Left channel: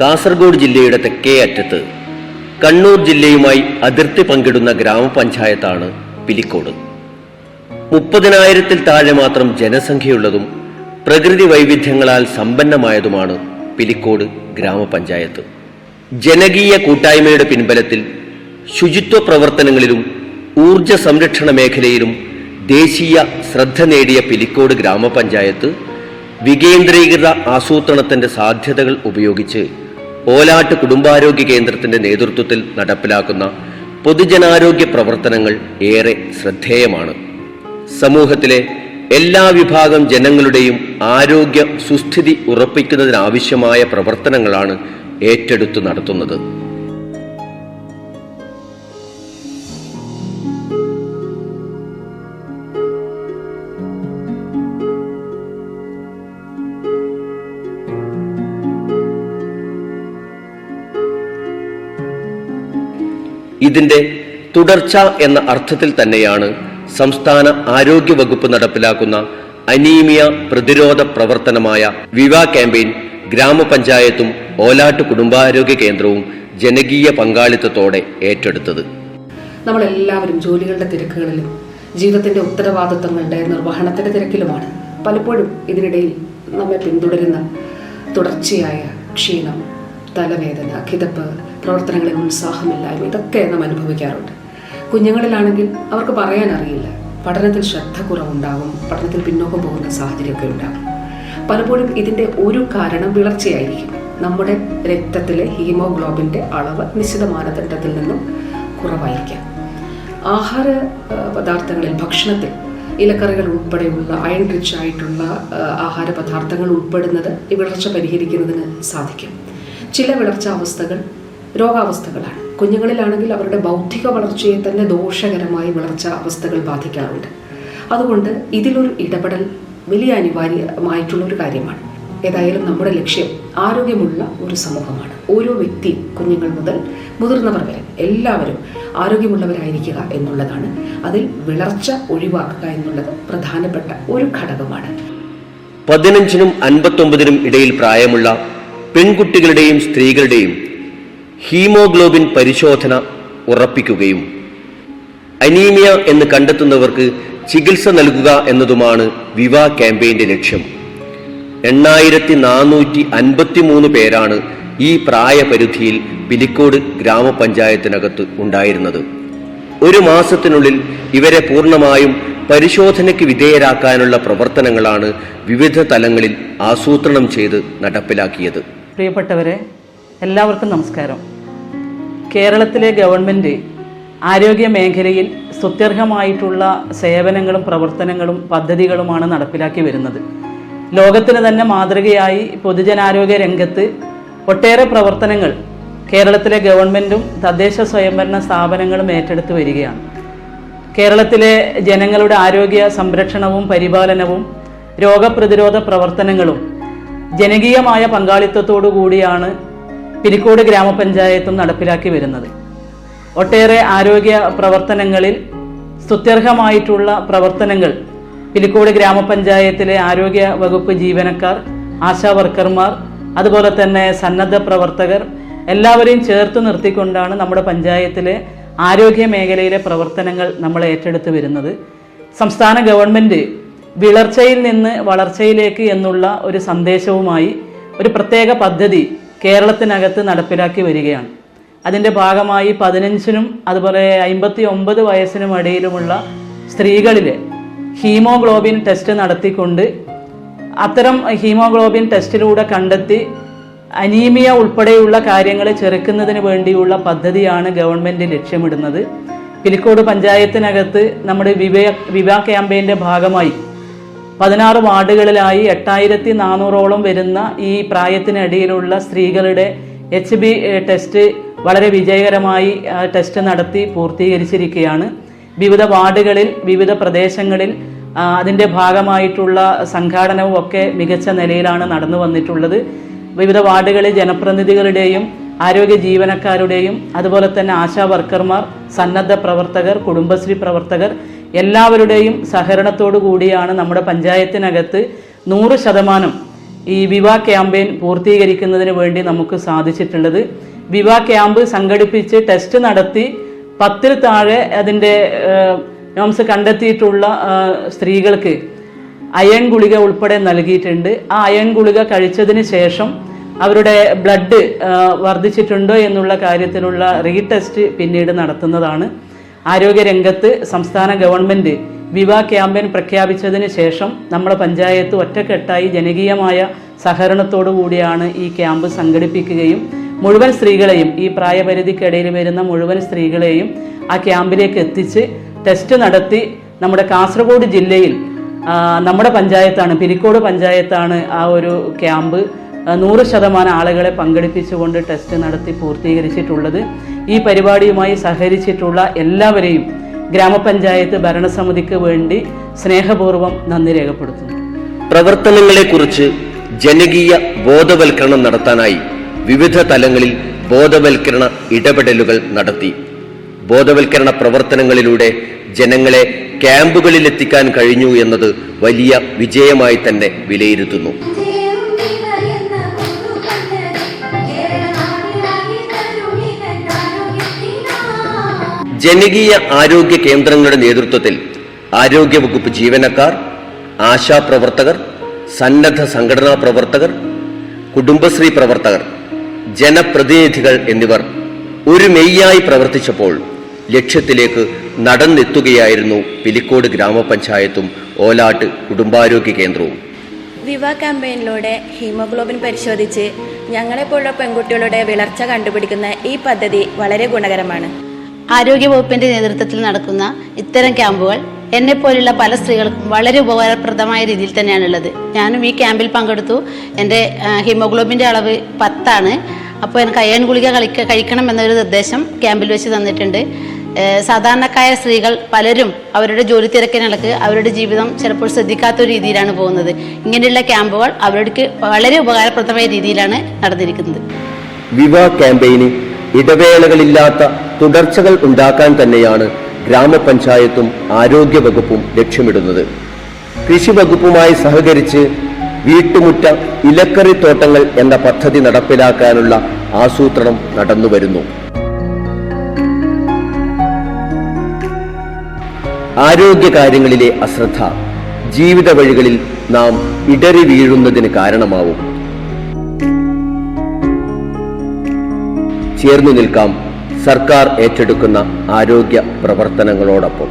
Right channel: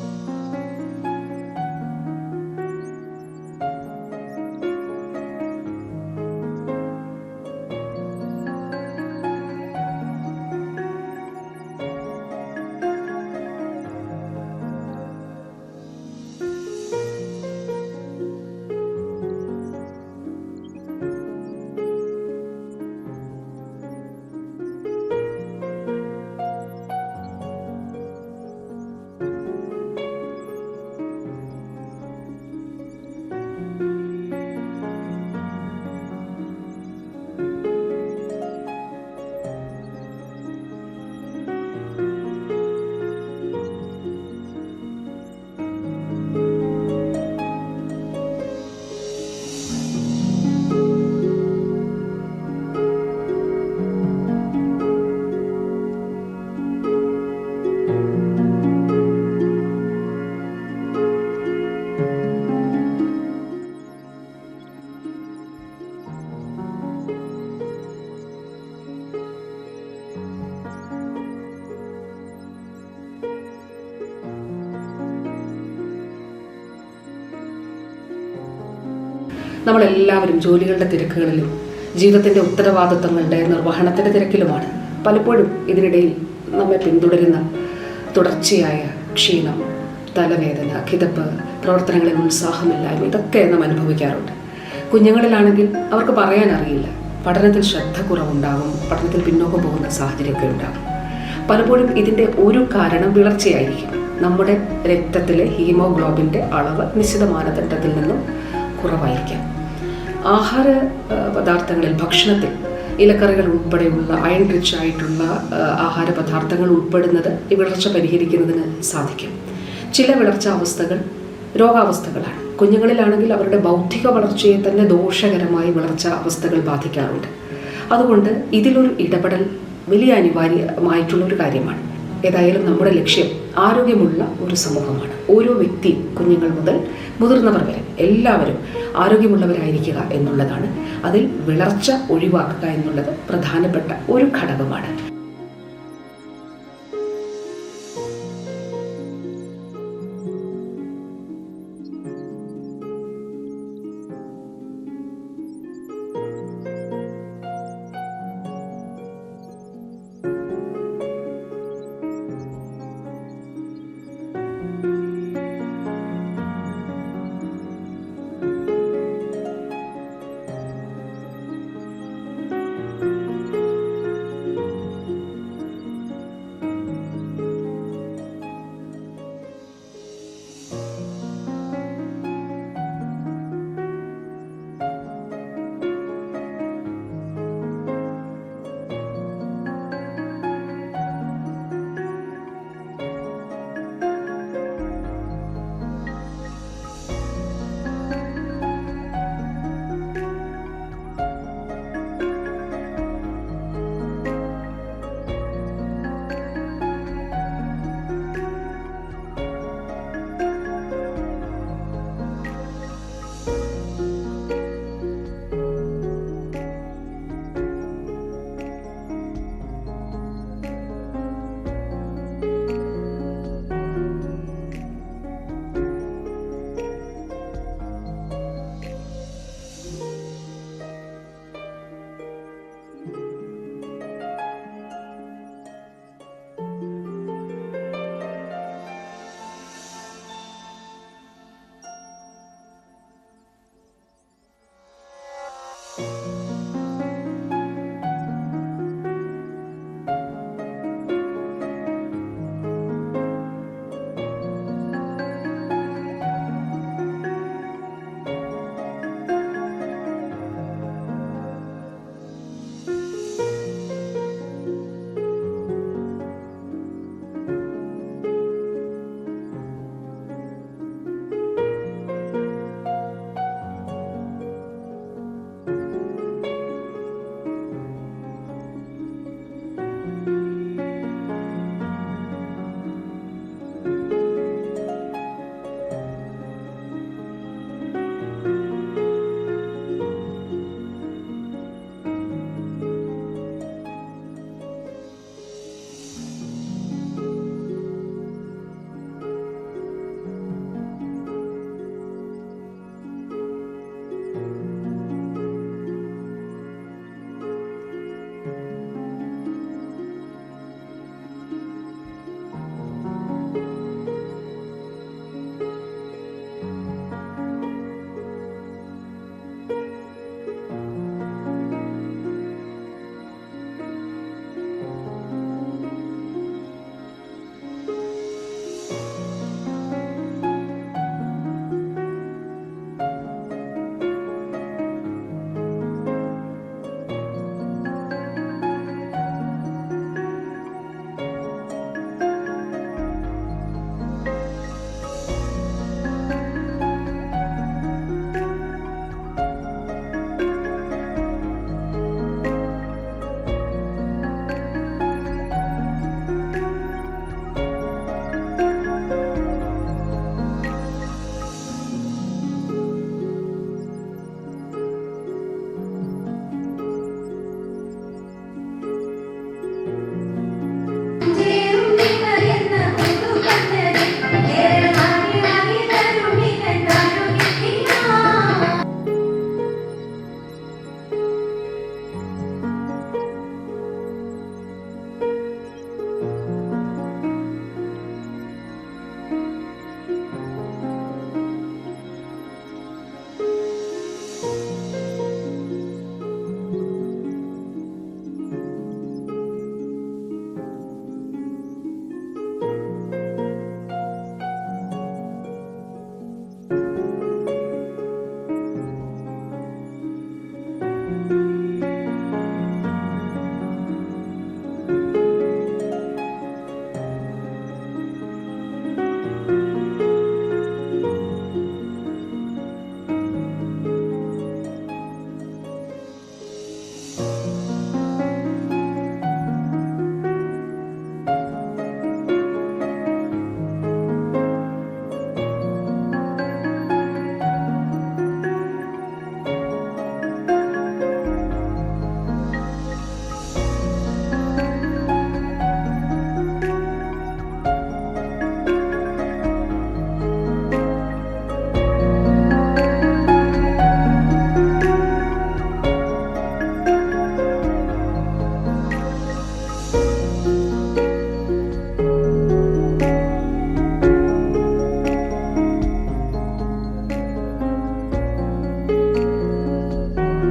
കാസർഗോഡ് ജില്ലയുടെ തെക്കേ അറ്റത്ത് കണ്ണൂർ ജില്ലയുമായി അതിർത്തി പങ്കിടുന്ന ഗ്രാമപഞ്ചായത്താണ് പിലിക്കോട്. മുപ്പതിനായിരത്തിൽ താഴെ മാത്രം ജനസംഖ്യയുള്ളതും പ്രകൃതി വൈവിധ്യങ്ങളാൽ സമ്പന്നമായതുമാണ് പിലിക്കോട് ഗ്രാമപഞ്ചായത്ത്. ജനകീയ കൂട്ടായ്മയുടെ പിൻബലത്തിൽ ശുചിത്വ പ്രവർത്തനങ്ങളിലും ഊർജ സംരക്ഷണ മേഖലയിലും ദേശീയ ശ്രദ്ധ നേടിയ പിലിക്കോട് ഗ്രാമപഞ്ചായത്ത് വികേന്ദ്രീകൃത ആസൂത്രണത്തിന്റെ സാധ്യതകൾ ഉപയോഗിച്ച് ഓലാട്ട് കുടുംബാരോഗ്യ കേന്ദ്രത്തിന്റെ നേതൃത്വത്തിൽ നടപ്പിലാക്കുന്ന പൊതുജനാരോഗ്യ പ്രവർത്തനങ്ങൾ ഏറെ ശ്രദ്ധേയമാണ്. സമൂഹത്തിലെ എല്ലാ വിഭാഗം ജനങ്ങളുടെയും ആരോഗ്യ സുസ്ഥിതി ഉറപ്പിക്കുന്നതിനാവശ്യമായ പ്രവർത്തനങ്ങളാണ് ഏറ്റെടുത്തു നടത്തുന്നത്. ഇതിന്റെ തുടർച്ച എന്ന അർത്ഥത്തിൽ തന്നെയാണ് സംസ്ഥാന ആരോഗ്യ വകുപ്പ് നടപ്പിലാക്കുന്ന അനീമിയ പ്രതിരോധ പ്രവർത്തനമായ വിവ ക്യാമ്പയിൻ ഗ്രാമപഞ്ചായത്തും ഓലാട്ട് കുടുംബാരോഗ്യ കേന്ദ്രവും ജനകീയ പങ്കാളിത്തത്തോടെ ഏറ്റെടുത്തത്. നമ്മളെല്ലാവരും ജോലികളുടെ തിരക്കുകളിലും ജീവിതത്തിന്റെ ഉത്തരവാദിത്തങ്ങളുടെ നിർവഹണത്തിന്റെ തിരക്കിലുമാണ്. പലപ്പോഴും ഇതിനിടയിൽ നമ്മെ പിന്തുടരുന്ന തുടർച്ചയായ ക്ഷീണം തലവേദന കിതപ്പ് പ്രവർത്തനങ്ങളിൽ ഉത്സാഹമില്ലായ്മ. ഇതൊക്കെ നാം അനുഭവിക്കാറുണ്ട്. കുഞ്ഞുങ്ങളിലാണെങ്കിൽ അവർക്ക് പറയാൻ അറിയില്ല പഠനത്തിൽ ശ്രദ്ധ കുറവുണ്ടാകും പഠനത്തിൽ പിന്നോക്കം പോകുന്ന സാഹചര്യമൊക്കെ ഉണ്ടാകും പലപ്പോഴും ഇതിന്റെ ഒരു കാരണം വിളർച്ചയായിരിക്കും. നമ്മുടെ രക്തത്തിലെ ഹീമോഗ്ലോബിന്റെ അളവ് നിശ്ചിത മാനദണ്ഡത്തിൽ നിന്നും കുറവായിരിക്കാം. ആഹാര പദാർത്ഥങ്ങളിൽ ഭക്ഷണത്തിൽ ഇലക്കറികൾ ഉൾപ്പെടെയുള്ള അയൺ റിച്ച് ആയിട്ടുള്ള ആഹാര പദാർത്ഥങ്ങൾ ഉൾപ്പെടുന്നത് ഈ വിളർച്ച പരിഹരിക്കുന്നതിന് സാധിക്കും. ചില വിളർച്ച അവസ്ഥകൾ രോഗാവസ്ഥകളാണ്. കുഞ്ഞുങ്ങളിലാണെങ്കിൽ അവരുടെ ബൗദ്ധിക വളർച്ചയെ തന്നെ ദോഷകരമായി വളർച്ച അവസ്ഥകൾ ബാധിക്കാറുണ്ട്. അതുകൊണ്ട് ഇതിലൊരു ഇടപെടൽ വലിയ അനിവാര്യമായിട്ടുള്ള ഒരു കാര്യമാണ്. ഏതായാലും നമ്മുടെ ലക്ഷ്യം ആരോഗ്യമുള്ള ഒരു സമൂഹമാണ്. ഓരോ വ്യക്തി കുഞ്ഞുങ്ങൾ മുതൽ മുതിർന്നവർ വരെ എല്ലാവരും ആരോഗ്യമുള്ളവരായിരിക്കുക എന്നുള്ളതാണ്. അതിൽ വിളർച്ച ഒഴിവാക്കുക എന്നുള്ളത് പ്രധാനപ്പെട്ട ഒരു ഘടകമാണ്. പതിനഞ്ചിനും അൻപത്തൊമ്പതിനും ഇടയിൽ പ്രായമുള്ള പെൺകുട്ടികളുടെയും സ്ത്രീകളുടെയും ഹീമോഗ്ലോബിൻ പരിശോധന ഉറപ്പിക്കുകയും അനീമിയ എന്ന് കണ്ടെത്തുന്നവർക്ക് ചികിത്സ നൽകുക എന്നതുമാണ് വിവ ക്യാമ്പയിന്റെ ലക്ഷ്യം. എണ്ണായിരത്തി നാനൂറ്റി അൻപത്തി മൂന്ന് പേരാണ് ഈ പ്രായപരിധിയിൽ പിലിക്കോട് ഗ്രാമപഞ്ചായത്തിനകത്ത് ഉണ്ടായിരുന്നത്. ഒരു മാസത്തിനുള്ളിൽ ഇവരെ പൂർണമായും പരിശോധനയ്ക്ക് വിധേയരാക്കാനുള്ള പ്രവർത്തനങ്ങളാണ് വിവിധ തലങ്ങളിൽ ആസൂത്രണം ചെയ്ത് നടപ്പിലാക്കിയത്. പ്രിയപ്പെട്ടവരെ എല്ലാവർക്കും നമസ്കാരം. കേരളത്തിലെ ഗവൺമെന്റ് ആരോഗ്യ മേഖലയിൽ സ്തുത്യർഹമായിട്ടുള്ള സേവനങ്ങളും പ്രവർത്തനങ്ങളും പദ്ധതികളുമാണ് നടപ്പിലാക്കി വരുന്നത്. ലോകത്തിന് തന്നെ മാതൃകയായി പൊതുജനാരോഗ്യ രംഗത്ത് ഒട്ടേറെ പ്രവർത്തനങ്ങൾ കേരളത്തിലെ ഗവൺമെന്റും തദ്ദേശ സ്വയംഭരണ സ്ഥാപനങ്ങളും ഏറ്റെടുത്ത് വരികയാണ്. കേരളത്തിലെ ജനങ്ങളുടെ ആരോഗ്യ സംരക്ഷണവും പരിപാലനവും രോഗപ്രതിരോധ പ്രവർത്തനങ്ങളും ജനകീയമായ പങ്കാളിത്തത്തോടു കൂടിയാണ് പിരിക്കോട് ഗ്രാമപഞ്ചായത്തും നടപ്പിലാക്കി വരുന്നത്. ഒട്ടേറെ ആരോഗ്യ പ്രവർത്തനങ്ങളിൽ സ്തുത്യർഹമായിട്ടുള്ള പ്രവർത്തനങ്ങൾ പിലിക്കോട് ഗ്രാമപഞ്ചായത്തിലെ ആരോഗ്യ വകുപ്പ് ജീവനക്കാർ ആശാ വർക്കർമാർ അതുപോലെ തന്നെ സന്നദ്ധ പ്രവർത്തകർ എല്ലാവരെയും ചേർത്ത് നിർത്തിക്കൊണ്ടാണ് നമ്മുടെ പഞ്ചായത്തിലെ ആരോഗ്യ മേഖലയിലെ പ്രവർത്തനങ്ങൾ നമ്മൾ ഏറ്റെടുത്ത് വരുന്നത്. സംസ്ഥാന ഗവൺമെന്റ് വിളർച്ചയിൽ നിന്ന് വളർച്ചയിലേക്ക് എന്നുള്ള ഒരു സന്ദേശവുമായി ഒരു പ്രത്യേക പദ്ധതി കേരളത്തിനകത്ത് നടപ്പിലാക്കി വരികയാണ്. അതിന്റെ ഭാഗമായി പതിനഞ്ചിനും അതുപോലെ അമ്പത്തി ഒമ്പത് വയസ്സിനും ഇടയിലുമുള്ള സ്ത്രീകളിലെ ഹീമോഗ്ലോബിൻ ടെസ്റ്റ് നടത്തിക്കൊണ്ട് അത്തരം ഹീമോഗ്ലോബിൻ ടെസ്റ്റിലൂടെ കണ്ടെത്തി അനീമിയ ഉൾപ്പെടെയുള്ള കാര്യങ്ങൾ ചെറുക്കുന്നതിന് വേണ്ടിയുള്ള പദ്ധതിയാണ് ഗവൺമെന്റ് ലക്ഷ്യമിടുന്നത്. പിലിക്കോട് പഞ്ചായത്തിനകത്ത് നമ്മുടെ വിവേ വിവാ ക്യാമ്പയിന്റെ ഭാഗമായി പതിനാറ് വാർഡുകളിലായി എട്ടായിരത്തി നാനൂറോളം വരുന്ന ഈ പ്രായത്തിനടിയിലുള്ള സ്ത്രീകളുടെ എച്ച് ബി ടെസ്റ്റ് വളരെ വിജയകരമായി ടെസ്റ്റ് നടത്തി പൂർത്തീകരിച്ചിരിക്കുകയാണ്. വിവിധ വാർഡുകളിൽ വിവിധ പ്രദേശങ്ങളിൽ അതിന്റെ ഭാഗമായിട്ടുള്ള സംഘാടനവും ഒക്കെ മികച്ച നിലയിലാണ് നടന്നു വന്നിട്ടുള്ളത്. വിവിധ വാർഡുകളിൽ ജനപ്രതിനിധികളുടെയും ആരോഗ്യ ജീവനക്കാരുടെയും അതുപോലെ തന്നെ ആശാ വർക്കർമാർ സന്നദ്ധ പ്രവർത്തകർ കുടുംബശ്രീ പ്രവർത്തകർ എല്ലാവരുടെയും സഹകരണത്തോടു കൂടിയാണ് നമ്മുടെ പഞ്ചായത്തിനകത്ത് നൂറ് ശതമാനം ഈ വിവാ ക്യാമ്പയിൻ പൂർത്തീകരിക്കുന്നതിന് വേണ്ടി നമുക്ക് സാധിച്ചിട്ടുള്ളത്. വിവാ ക്യാമ്പ് സംഘടിപ്പിച്ച് ടെസ്റ്റ് നടത്തി പത്തിൽ താഴെ അതിന്റെ നോംസ് കണ്ടെത്തിയിട്ടുള്ള സ്ത്രീകൾക്ക് അയൺ ഗുളിക ഉൾപ്പെടെ നൽകിയിട്ടുണ്ട്. ആ അയൺ ഗുളിക കഴിച്ചതിന് ശേഷം അവരുടെ ബ്ലഡ് വർദ്ധിച്ചിട്ടുണ്ടോ എന്നുള്ള കാര്യത്തിലുള്ള റീടെസ്റ്റ് പിന്നീട് നടത്തുന്നതാണ്. ആരോഗ്യരംഗത്ത് സംസ്ഥാന ഗവൺമെന്റ് വിവാ ക്യാമ്പയിൻ പ്രഖ്യാപിച്ചതിന് ശേഷം നമ്മുടെ പഞ്ചായത്ത് ഒറ്റക്കെട്ടായി ജനകീയമായ സഹകരണത്തോടു കൂടിയാണ് ഈ ക്യാമ്പ് സംഘടിപ്പിക്കുകയും മുഴുവൻ സ്ത്രീകളെയും ഈ പ്രായപരിധിക്കിടയിൽ വരുന്ന മുഴുവൻ സ്ത്രീകളെയും ആ ക്യാമ്പിലേക്ക് എത്തിച്ച് ടെസ്റ്റ് നടത്തി നമ്മുടെ കാസർഗോഡ് ജില്ലയിൽ നമ്മുടെ പഞ്ചായത്താണ് പിരിക്കോട് പഞ്ചായത്താണ് ആ ഒരു ക്യാമ്പ് നൂറ് ശതമാനം ആളുകളെ പങ്കെടുപ്പിച്ചുകൊണ്ട് ടെസ്റ്റ് നടത്തി പൂർത്തീകരിച്ചിട്ടുള്ളത് ഈ പരിപാടിയുമായി സഹകരിച്ചിട്ടുള്ള എല്ലാവരെയും ഗ്രാമപഞ്ചായത്ത് ഭരണസമിതിക്ക് വേണ്ടി സ്നേഹപൂർവം നന്ദി രേഖപ്പെടുത്തുന്നു. പ്രവർത്തനങ്ങളെ കുറിച്ച് ജനകീയ ബോധവൽക്കരണം നടത്താനായി വിവിധ തലങ്ങളിൽ ബോധവൽക്കരണ ഇടപെടലുകൾ നടത്തി. ബോധവൽക്കരണ പ്രവർത്തനങ്ങളിലൂടെ ജനങ്ങളെ ക്യാമ്പുകളിൽ എത്തിക്കാൻ കഴിഞ്ഞു എന്നത് വലിയ വിജയമായി തന്നെ വിലയിരുത്തുന്നു. ജനകീയ ആരോഗ്യ കേന്ദ്രങ്ങളുടെ നേതൃത്വത്തിൽ ആരോഗ്യ വകുപ്പ് ജീവനക്കാർ ആശാപ്രവർത്തകർ സന്നദ്ധ സംഘടനാ പ്രവർത്തകർ കുടുംബശ്രീ പ്രവർത്തകർ ജനപ്രതിനിധികൾ എന്നിവർ ഒരു മെയ്യായി പ്രവർത്തിച്ചപ്പോൾ ലക്ഷ്യത്തിലേക്ക് നടന്നെത്തുകയായിരുന്നു പിലിക്കോട് ഗ്രാമപഞ്ചായത്തും ഓലാട്ട് കുടുംബാരോഗ്യ കേന്ദ്രവും. വിവ ക്യാമ്പയിനിലൂടെ ഹീമോഗ്ലോബിൻ പരിശോധിച്ച് ഞങ്ങളെപ്പോലുള്ള പെൺകുട്ടികളുടെ വിളർച്ച കണ്ടുപിടിക്കുന്ന ഈ പദ്ധതി വളരെ ഗുണകരമാണ്. ആരോഗ്യവകുപ്പിന്റെ നേതൃത്വത്തിൽ നടക്കുന്ന ഇത്തരം ക്യാമ്പുകൾ എന്നെ പോലുള്ള പല സ്ത്രീകൾക്കും വളരെ ഉപകാരപ്രദമായ രീതിയിൽ തന്നെയാണ് ഉള്ളത് ഞാനും ഈ ക്യാമ്പിൽ പങ്കെടുത്തു. എന്റെ ഹീമോഗ്ലോബിന്റെ അളവ് പത്താണ്. അപ്പോൾ എനിക്ക് അയൺ ഗുളിക കളിക്ക കഴിക്കണം എന്നൊരു നിർദ്ദേശം ക്യാമ്പിൽ വെച്ച് തന്നിട്ടുണ്ട്. സാധാരണക്കായ സ്ത്രീകൾ പലരും അവരുടെ ജോലി തിരക്കിനിടക്ക് അവരുടെ ജീവിതം ചിലപ്പോൾ ശ്രദ്ധിക്കാത്ത രീതിയിലാണ് പോകുന്നത്. ഇങ്ങനെയുള്ള ക്യാമ്പുകൾ അവർക്ക് വളരെ ഉപകാരപ്രദമായ രീതിയിലാണ് നടന്നിരിക്കുന്നത്. വിവാ ക്യാമ്പയിന് ഇടവേളകളില്ലാത്ത തുടർച്ചകൾ ഉണ്ടാക്കാൻ തന്നെയാണ് ഗ്രാമപഞ്ചായത്തും ആരോഗ്യ വകുപ്പും ലക്ഷ്യമിടുന്നത്. കൃഷി വകുപ്പുമായി സഹകരിച്ച് വീട്ടുമുറ്റ ഇലക്കറി തോട്ടങ്ങൾ എന്ന പദ്ധതി നടപ്പിലാക്കാനുള്ള ആസൂത്രണം നടന്നുവരുന്നു. ആരോഗ്യകാര്യങ്ങളിലെ അശ്രദ്ധ ജീവിത വഴികളിൽ നാം ഇടറി വീഴുന്നതിന് കാരണമാവും. ചേർന്നു നിൽക്കാം സർക്കാർ ഏറ്റെടുക്കുന്ന ആരോഗ്യ പ്രവർത്തനങ്ങളോടൊപ്പം.